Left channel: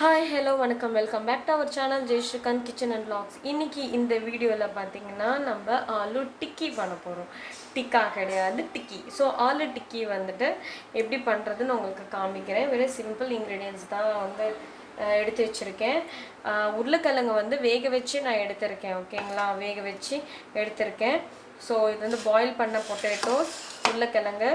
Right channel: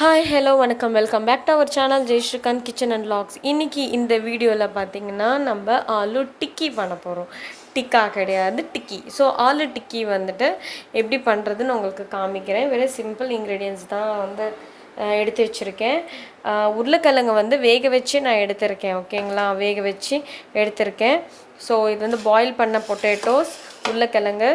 Hi hello வணக்கம் welcome back to our channel Jaisrikanth kitchen and vlogs. இன்றைக்கி இந்த வீடியோவில் பார்த்தீங்கன்னா நம்ம ஆலு டிக்கி பண்ண போகிறோம். டிக்கா கிடையாது, டிக்கி. ஸோ ஆலு டிக்கி வந்துட்டு எப்படி பண்ணுறதுன்னு உங்களுக்கு காமிக்கிறேன். வெறும் சிம்பிள் இன்க்ரீடியன்ஸ் தான் வந்து எடுத்து வச்சுருக்கேன். உருளைக்கிழங்கு வந்து வேக வச்சு நான் எடுத்திருக்கேன். ஓகேங்களா, வேக வச்சு எடுத்திருக்கேன். ஸோ இது வந்து பாயில் பண்ண பொட்டேட்டோஸ், உருளைக்கிழங்கு,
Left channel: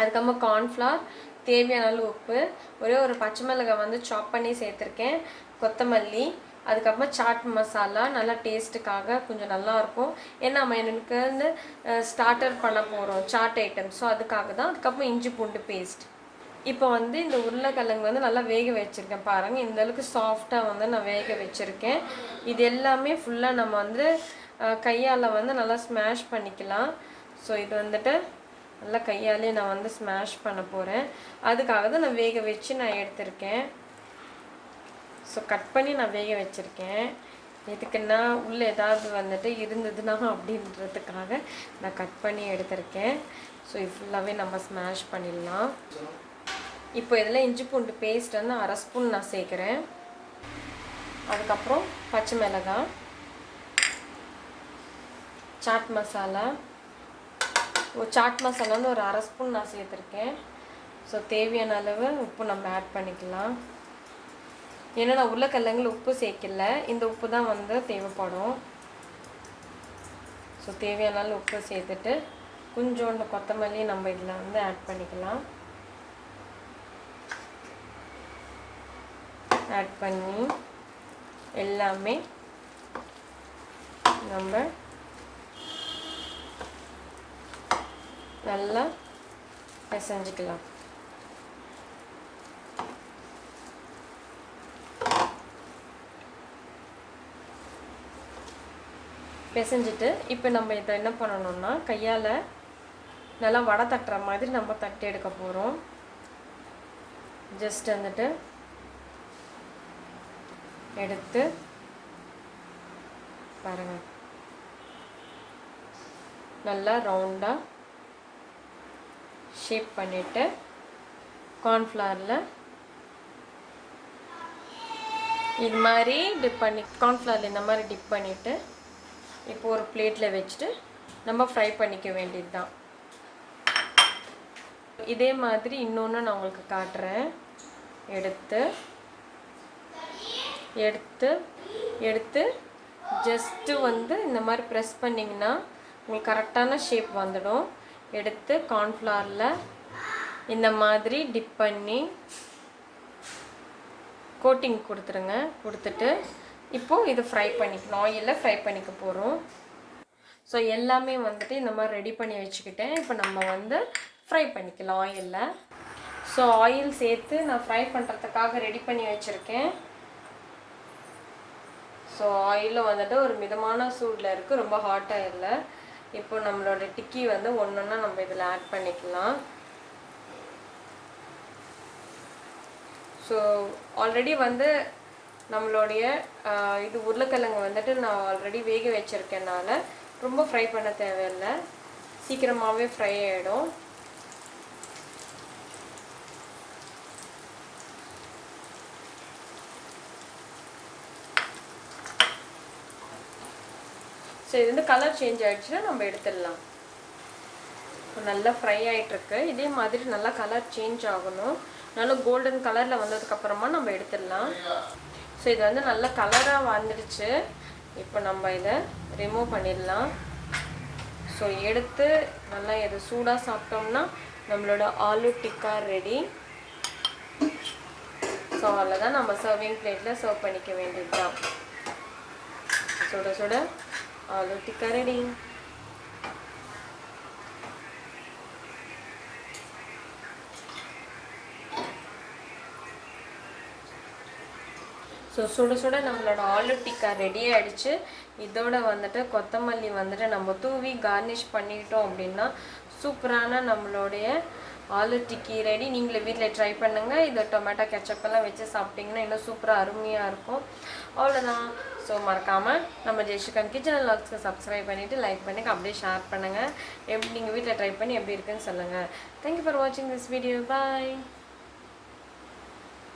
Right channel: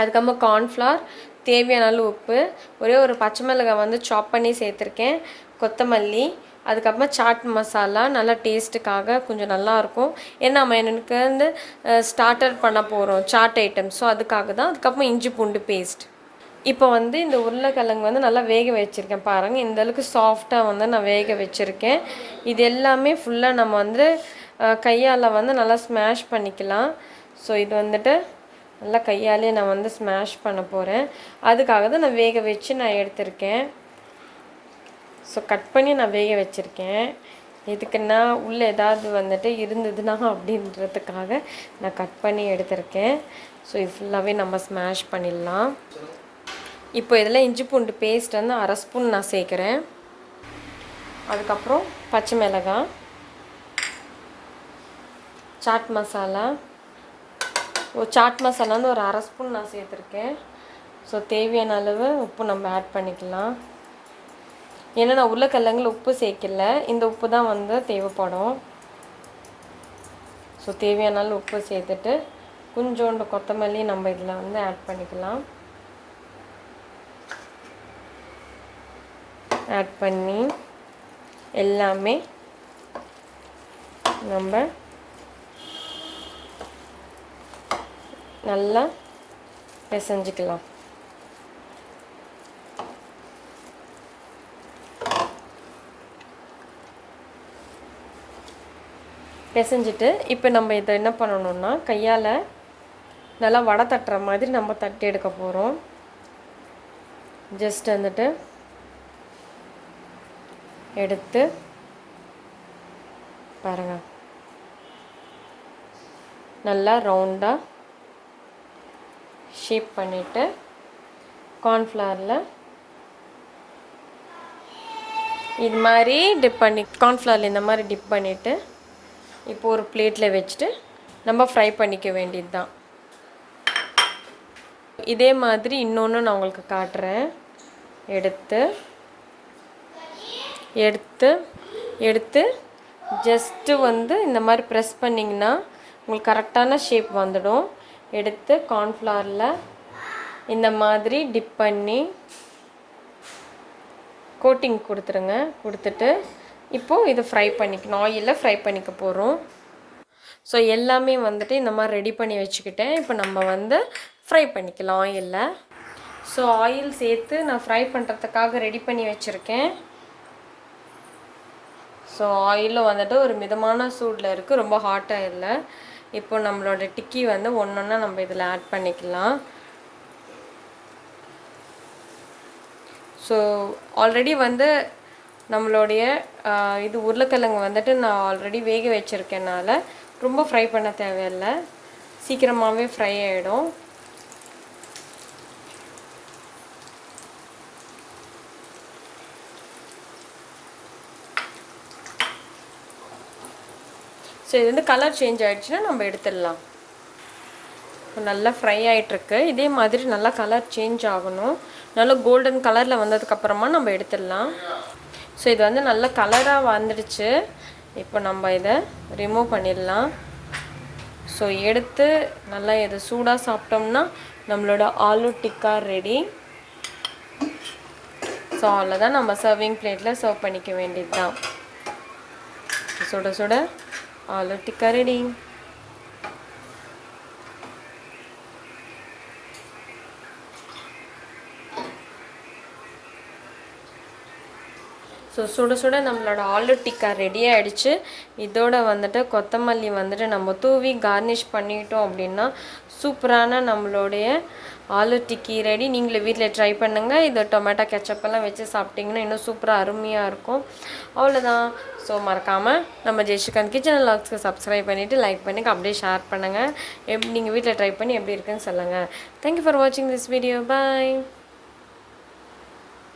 அதுக்கப்புறமா கார்ன்ஃப்ளவர், தேவையான அளவு உப்பு, ஒரே ஒரு பச்சை மிளகாய் வந்து சாப் பண்ணி சேர்த்துருக்கேன், கொத்தமல்லி, அதுக்கப்புறமா சாட் மசாலா நல்லா டேஸ்ட்டுக்காக கொஞ்சம் நல்லாயிருக்கும். ஏன்னா நம்ம எனக்கு வந்து ஸ்டார்டர் பண்ண போகிறோம் சாட் ஐட்டம். ஸோ அதுக்காக தான். அதுக்கப்புறமா இஞ்சி பூண்டு பேஸ்ட். இப்போ வந்து இந்த உருளைக்கிழங்கு வந்து நல்லா வேக வச்சுருக்கேன் பாருங்கள். இந்தளவுக்கு சாஃப்டாக வந்து நான் வேக வச்சுருக்கேன். இது எல்லாமே ஃபுல்லாக நம்ம வந்து கையால் வந்து நல்லா ஸ்மாஷ் பண்ணிக்கலாம். ஸோ இது வந்துட்டு நல்லா கையாலே நான் வந்து ஸ்மாஷ் பண்ண போகிறேன். அதுக்காக தான் நான் வேக வச்சு நான் எடுத்திருக்கேன். ஸோ கட் பண்ணி நான் வேக வச்சுருக்கேன். எதுக்குன்னா உள்ளே ஏதாவது வந்துட்டு இருந்ததுன்னா அப்படின்றதுக்காக நான் கட் பண்ணி எடுத்திருக்கேன். ஸோ இது ஃபுல்லாகவே நம்ம ஸ்மாஷ் பண்ணிடலாம். இப்போ இதில் இஞ்சி பூண்டு பேஸ்ட் வந்து 1/2 ஸ்பூன் நான் சேர்க்குறேன். அதுக்கப்புறம் பச்சை மிளகாய், சாட் மசாலா, சாட் மசாலா வந்து ஒரு 1/2 ஸ்பூன் நான் சேர்த்துருக்கேன். ஸோ தேவையான அளவு உப்பு நம்ம ஆட் பண்ணிக்கலாம். ஏன்னா நான் உருளைக்கிழங்குல உப்பு சேர்க்கல, இந்த உப்பு தான் வந்து தேவைப்படும். ஸோ தேவையான அளவு உப்பு சேர்த்துட்டு கொஞ்சோண்டு கொத்தமல்லி நம்ம இதில் வந்து ஆட் பண்ணிக்கலாம். ஆட் பண்ணி எல்லாமே நம்ம நல்லா பிசைஞ்சிக்கலாம். பிசைஞ்சிட்டு இப்போ நம்ம இதை என்ன பண்ணணும்னா கையால் நல்லா வடை தட்டுற மாதிரி நம்ம தட்டி எடுக்க போகிறோம். ஜஸ்ட் வந்துட்டு எடுத்து பாருங்கள், நல்லா ரவுண்டாக ஷேப் பண்ணிவிட்டு கார்ன்ஃப்ளவரில் இது மாதிரி டிப் பண்ணி கார்ன்ஃப்ளவரில் இந்த மாதிரி டிப் பண்ணிவிட்டு இப்போ ஒரு பிளேட்டில் வச்சுட்டு நம்ம ஃப்ரை பண்ணிக்க வேண்டியது தான். இதே மாதிரி இன்னொன்று நான் உங்களுக்கு காட்டுறேன். எடுத்து எடுத்து எடுத்து ஜஸ்ட்டு வந்து இந்த மாதிரி ப்ரெஸ் பண்ணிங்கன்னா உங்களுக்கு கரெக்டான ஷேப் வந்துடும். எடுத்து கார்ன்ஃப்ளவரில் இந்த மாதிரி டிப் பண்ணி கோட்டிங் கொடுத்துருங்க. கொடுத்துட்டு இப்போது இது ஃப்ரை பண்ணிக்கணும், ஆயிலில் ஃப்ரை பண்ணிக்க போகிறோம். ஸோ எல்லாமே வந்துட்டு இந்த மாதிரி ரெடி பண்ணி வச்சுக்கிட்டேன். இப்போ நம்ம வந்து ஃப்ரை பண்ணிக்கலாம் ஆயிலில். ஸோ ஆயில் சேர்த்து நான் ஃப்ரை பண்ணுறதுக்காக ரெடி பண்ணி வச்சுருக்கேன். ஸோ ஆயிலும் வந்துட்டு ஒரு மிதமான சூடில் இருக்குது, ரொம்ப ஹாட்டாக இல்லை. இப்போ நம்மளோட டிக்கி வந்து ஒன்றொன்னா நம்ம இதில் ஆட் பண்ணிக்கலாம். ஸோ ஆல்ரெடி வந்து நம்மளுடைய இது உருளைக்கிழங்கு வந்துட்டு நான் ஆல்ரெடி வேக வச்சுருக்கேனால ரொம்ப ஃப்ரை பண்ண தேவையில்லை, சீக்கிரமாகவே ஃப்ரை ஆகிடும். ஸோ இது வந்து கலர் சேஞ்ச் ஆகிடுச்சுன்னா நம்ம எடுத்துடலாம். நல்லா ஃப்ரை ஆகிட்டுருக்கு. இதே மாதிரி நல்லா கலர் சேஞ்ச் ஆகணும். நல்லா கோல்டன் கலரில் வந்ததுக்கப்புறமா நம்ம எடுத்துடலாம். ஸோ இது வந்து நல்ல கலராக வந்துடுச்சு. இப்போ நம்ம இதை ரிமூவ் பண்ணிடலாம். ஸோ எடுத்து நல்லா இது சூடாக சாப்பிட்டோம்னா நம்மளோட ஆலு டிக்கா ரெடி. ஸோ அவ்வளோதான், நம்ம சர்விங் பிளேட்டில் சர்வ் பண்ணிக்க வேண்டியது தான். சுட சுட ஆலு டிக்கா ரெடி. ஸோ சுட சுட நம்மளோட ஆலு டிக்கா ரெடி ஆகிடுச்சு. இதோட வந்துட்டு கொத்தமல்லி வந்துட்டு நம்ம தூவி கார்னிஷ் பண்ணிட்டோம் அப்படின்னா சூப்பரான நம்மளுடைய ஆலு டிக்கி ரெடி. நீங்களே வீட்டில் ட்ரை பண்ணுங்கள். இது டொமேட்டோ கெச்சப்பெல்லாம் வச்சு சாப்பிட்டிங்கன்னா இன்னும் சூப்பராக அருமையாக இருக்கும். அவ்வளோதான். ஸோ மறக்காமல் நம்ம ஜெய்ஸ்ரீகாந்த் கிச்சன் அண்ட் வ்ளாக்ஸ்க்கு சப்ஸ்கிரைப் பண்ணிவிட்டு லைக் பண்ணுங்கள், அப்படியே ஷேர் பண்ணுங்கள். நீங்கள் வீட்டில் ட்ரை பண்ணி எப்படி இருக்குன்னு சொல்லுங்கள். தேங்க்யூ ஃபார் வாட்சிங் திஸ் வீடியோ. பாய்.